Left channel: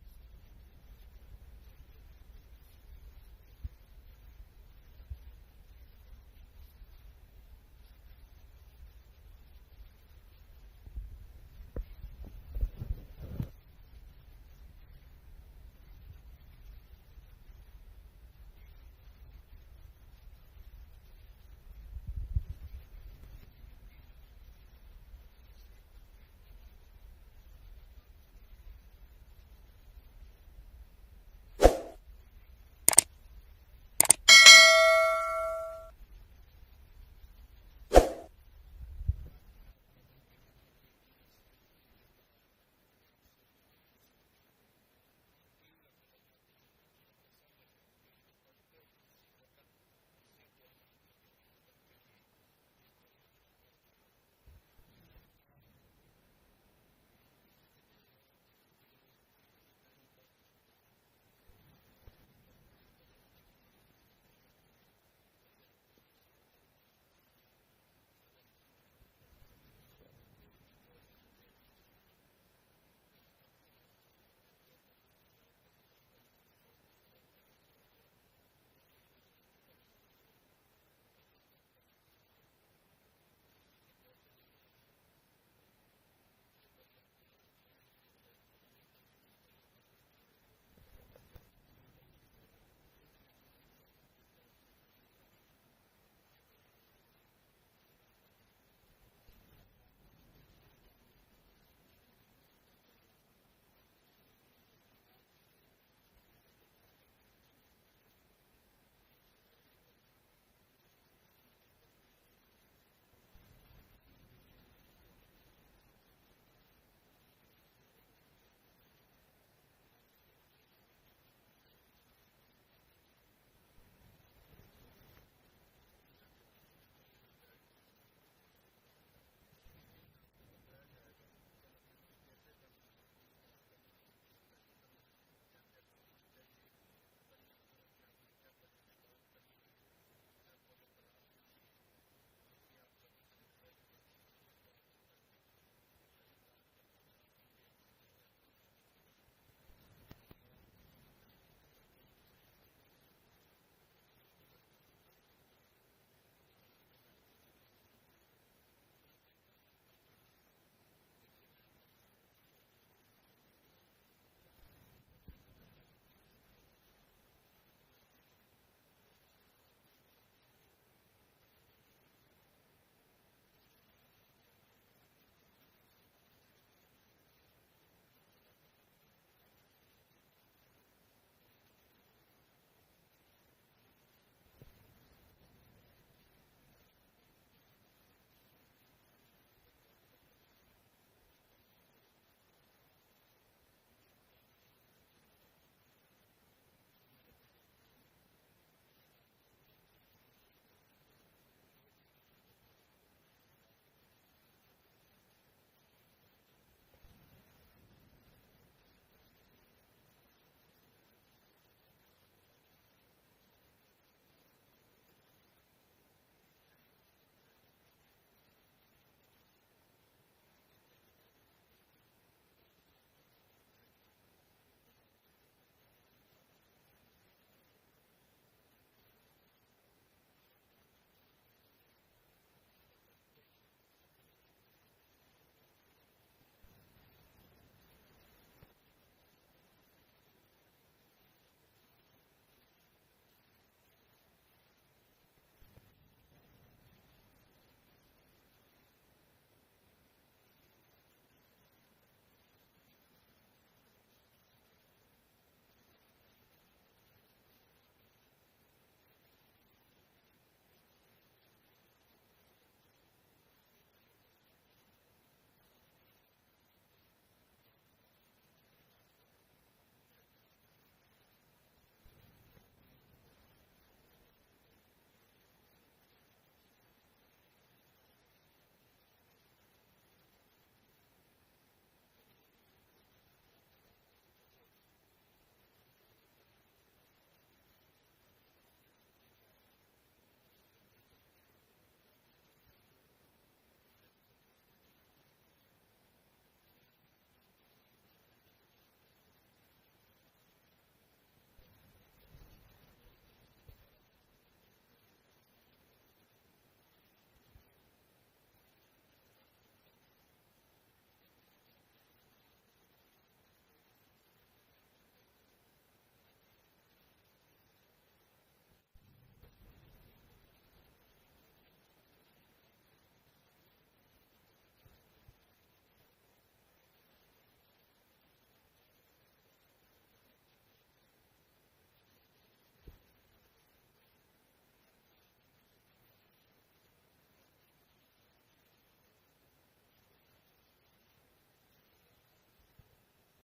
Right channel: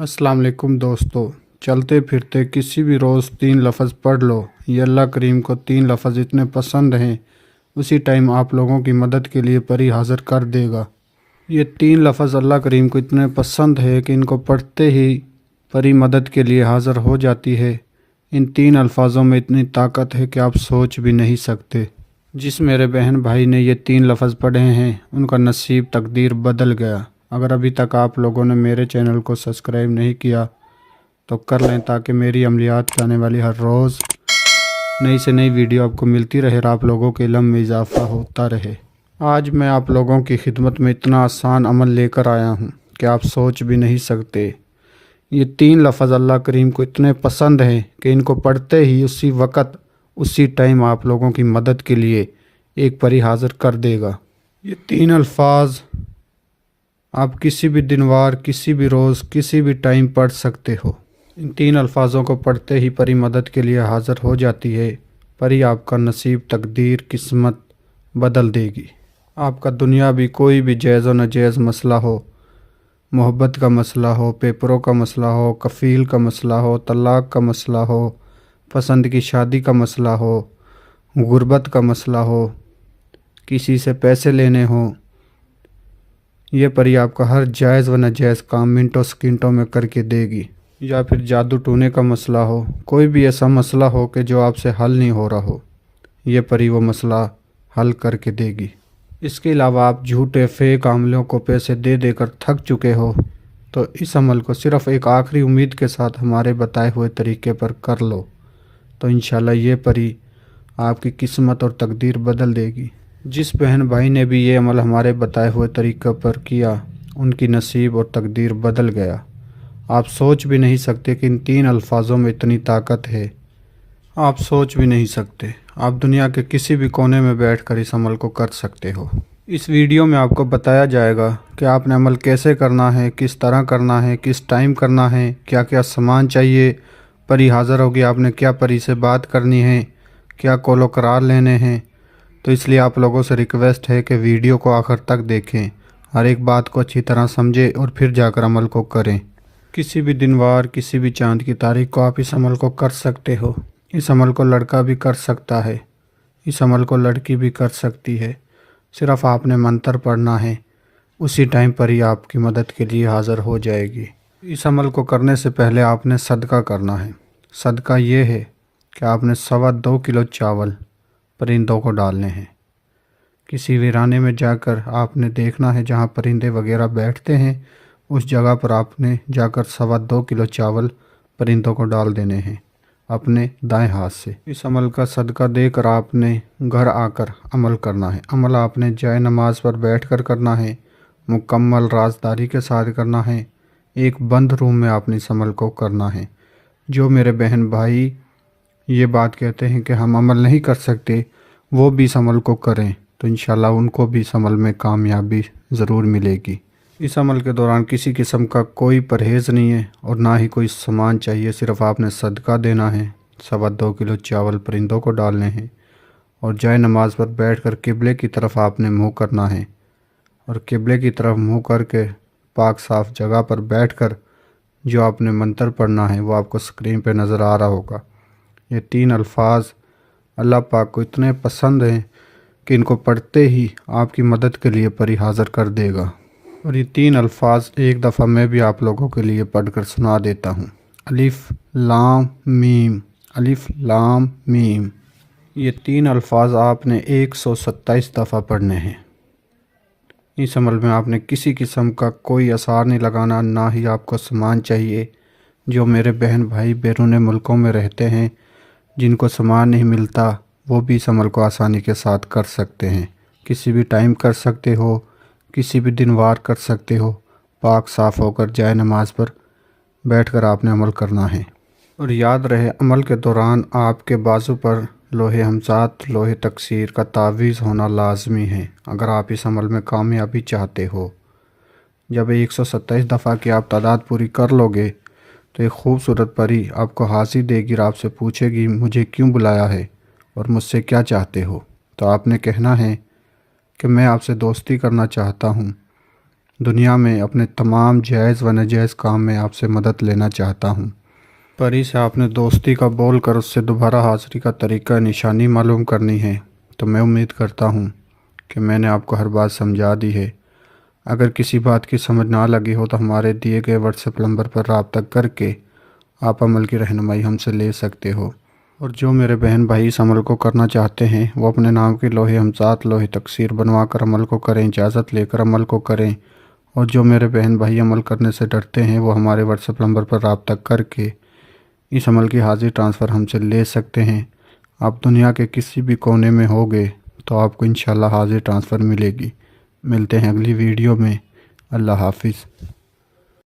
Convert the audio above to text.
अस्सलाम वालेकुम दोस्तों। चलते फिरते किसी भी रोज़ 3 लफ्ज़ पढ़ लो। ये अल्लाह करीम को 3 लफ्ज़ इतने पसंद हैं, उसी टाइम आप लोगों की मदद के लिए परी हाज़िर कर देगा। ये 3 लफ्ज़ अल्लाह करीम को इतने पसंद है कि इनको पढ़ते ही परी मदद के लिए हाज़िर हो जाती है। इन 3 अल्फाज़ों में इतनी ताकत है कि आप सोच भी नहीं सकते। जिस मेरे बहन भाई ने ये 3 लफ्ज़ पढ़े हैं उनका नसीब तकदीर बदल गया। अगर अभी तक आप लोगों ने मेरे चैनल को सब्सक्राइब नहीं किया तो कर लें, ताकि मेरी अमलियात पे आने वाली हर रोज़ नई से नई वीडियो आपको मिलती रहे और आप लोगों के इल्म में इजाफ़ा होता रहे। आज मैं आप लोगों की खिदमत में इतना आसान अमल लेकर आया हूँ कि आप सोच भी नहीं सकते। ये 3 लफ्ज़ अल्लाह करीम को इतने पसंद हैं कि इनको पढ़ते ही उसी वक़्त उसी टाइम आप लोगों की मदद के लिए एक परी हाज़िर कर देगा। ये 3 अल्फाज आप किसी भी दिनवार, किसी भी रोज़, किसी भी टाइम पढ़ सकते हो। इन 3 अल्फाजों को पढ़ते ही परी मदद के लिए हाज़िर हो जाती है। परी आपका नसीब, तकदीर, किस्मत बदल देगी। आपका दुनिया भी कोई भी जायज़ व नाजायज़ मसला हो, मोहब्बत का मसला हो, पेपरों का मसला हो, कफ़ील का मसला हो, तलाक़ का मसला हो, पसंद की शादी का मसला हो, गुर्बत का मसला हो, किसी से पैसे लेने हो, ये परी आपका हर जायज़ व नाजायज़ काम मिनटों सेकंडों में करके देगी। या फिर जादू टूने का मसला हो, कोई भी ऐसा मसला हो कि जो आपसे हल नहीं हो रहा हो, ये परी वो मसला हल करके देगी। इसके अलावा आप झूठे फेक आमलों को पैसे दे देकर थक चुके हो तो इस अमल को सिर्फ़ एक आखिरी उम्मीद के साथ हमारे बताए हुए तरीके पर कर लो, तो इंशाल्लाह ये परी आपकी किस्मत और तकदीर बदल देगी। जिस बहन भाई ने भी ये अमल हमारे बताए हुए तरीक़े पर किया, उनकी नसीब और तकदीर बदल गया। आप सोच भी नहीं सकते कि इन 3 अल्फाजों में इतनी ताकत है। आप सोच भी नहीं सकते। आप दुनिया के किसी भी कोने में बैठकर इस अमल को कर सकते हो। इस वीडियो में आपको बताया जाएगा कि आपने अमल कैसे करना है, किस तरह करना है, किस टाइम करना है, क्या क्या सामान चाहिए, परी हाज़िर होगी आपने क्या परी से बात करनी है, क्या कॉलो करार लेने हैं। तो इसलिए आप लोगों से रिक्वेस्ट है कि वीडियो को आखिर तक देखें, हर एक बात को अच्छी तरह समझें और फिर जाकर अमल को करें। किसी भी दिनवार, किसी भी चाँद की तारीख को आप इस अमल को कर सकते हो। इस अमल को लड़का भी कर सकता है, इस अमल को लड़की भी कर सकती है। सिर्फ़ आपने मंत्र पढ़ना है, उसी टाइम पर ही आपकी मदद के लिए हाज़िर हो जाएगी। इस अमल को करने से पहले आपने सदका करना है। सदका ये है कि आपने 2.25 किलो चावल परिंदों को डालने हैं। किसी वीराने में जाकर आपने देखना है जहाँ परिंदे वगैरह बैठते हैं, उस जगह पर आपने जाकर 2.25 किलो चावल परिंदों को डाल देने हैं अपने दाएं हाथ से। इस अमल का सदका देकर आपने घर आकर अमल करना है। अमल आपने जाए नमाज पर बैठकर करना है, मुकम्मल राजदारी के साथ करना है। एक बंद रूम में आपने इस अमल को करना है। जो मेरे बहन भाई ये बात कहते हैं कि हम अमल नहीं कर सकते, वो भी इस अमल को करें तो इंशाल्लाह उनको भी इस अमल में कामयाबी ज़रूर मिलेगी। इस अमल के दौरान किसी किस्म का कोई परहेज़ नहीं है और ना ही कोई सामान चाहिए। सिर्फ़ आपने सदका देना है, 2.25 किलो चावल परिंदों को डालने हैं और जाए नमाज पर बैठकर किबले की तरफ आपने मुँह करना है और किबले की तरफ मुँह करके पाक साफ़ जगह पर बैठकर जो आपने मंत्र पढ़ना है वो आपको स्क्रीन पर नज़र आ रहा होगा। ये 3 अल्फाज अल्लाह पाक को इतने पसंद हैं कि इनको पढ़ते ही आपकी मदद के लिए परी हाज़िर कर देगा। और ये 3 अल्फाज एक दफ़ा मैं भी आप लोगों के लिए पढ़कर सुना देता हूँ। अलिफ लाम मीम, अलिफ लाम मीम। ये 3 अल्फाज आपने 127 दफ़ा पढ़ने हैं। इस अमल में आपने किसी किस्म का कोई असर नहीं लगाना, ना ही आपको सामान चाहिए। जो मेरे बहन भाई बैरून मुल्कों में रहते हैं, जिनको सामान नहीं मिलता, वो भी इस अमल को आसानी के साथ कर सकते हैं। किसी भी टाइम कर सकते हो, किसी भी दिन वार कर सकते हो। पाक साफ़ होकर जाए नमाज पर बैठकर आपने अमल करना है। और याद रहे, अमल के दौरान आपके बाजू पर लोहे हमजात, लोहे तकसीर का तावीज़ होना लाजमी है अगर आप इस अमल में कामयाबी चाहते हो। जब 127 दफ़ा की आप तादाद पूरी कर लोगे तो एक ख़ूबसूरत परी आपको हाज़िर देगी और आपसे पूछेगी मुझे क्यों बुलाया है और मुझसे क्या चाहते हो। तो आपने कहना है कि मैं आपसे दोस्ती करना चाहता हूँ, دنیا میں اپنے تمام جائز و ناجائز کام میں آپ سے مدد لینا چاہتا ہوں۔ پری سے آپ نے دوستی کا بول کر اس سے دوبارہ حاضری کا طریقہ نشانی معلوم کرنی ہے، تو میں امید کرتا ہوں کہ میں نے آپ کو ہر بات سمجھا دی ہے۔ اگر کسی بات کی سمجھ نہ لگی ہو تو ہمارے دیے گئے واٹس ایپ نمبر پر رابطہ کر کے آپ عمل کی رہنمائی ہم سے لے سکتے ہو۔ اور جو میرے بہن بھائی اس عمل کو کرنا چاہتے ہیں وہ اپنے نام کے لوہے ہمزاد لوہے تکثیر بنوا کر عمل کو کریں، اجازت لے کر عمل کو کریں۔ اور جو میرے بہن بھائی عمل کرنے سے ڈرتے ہیں وہ ہمارے واٹس ایپ نمبر پر رابطہ کر کے اس عمل کی حاضری ٹرانسفر ہم سے لے سکتے ہیں۔ آپ دنیا کے کسی بھی کونے میں ہوگے تو آپ کو انشاءاللہ حاضری ٹرانسفر ملے گی۔ ملتے ہیں اگلی ویڈیو میں۔ اللہ حافظ۔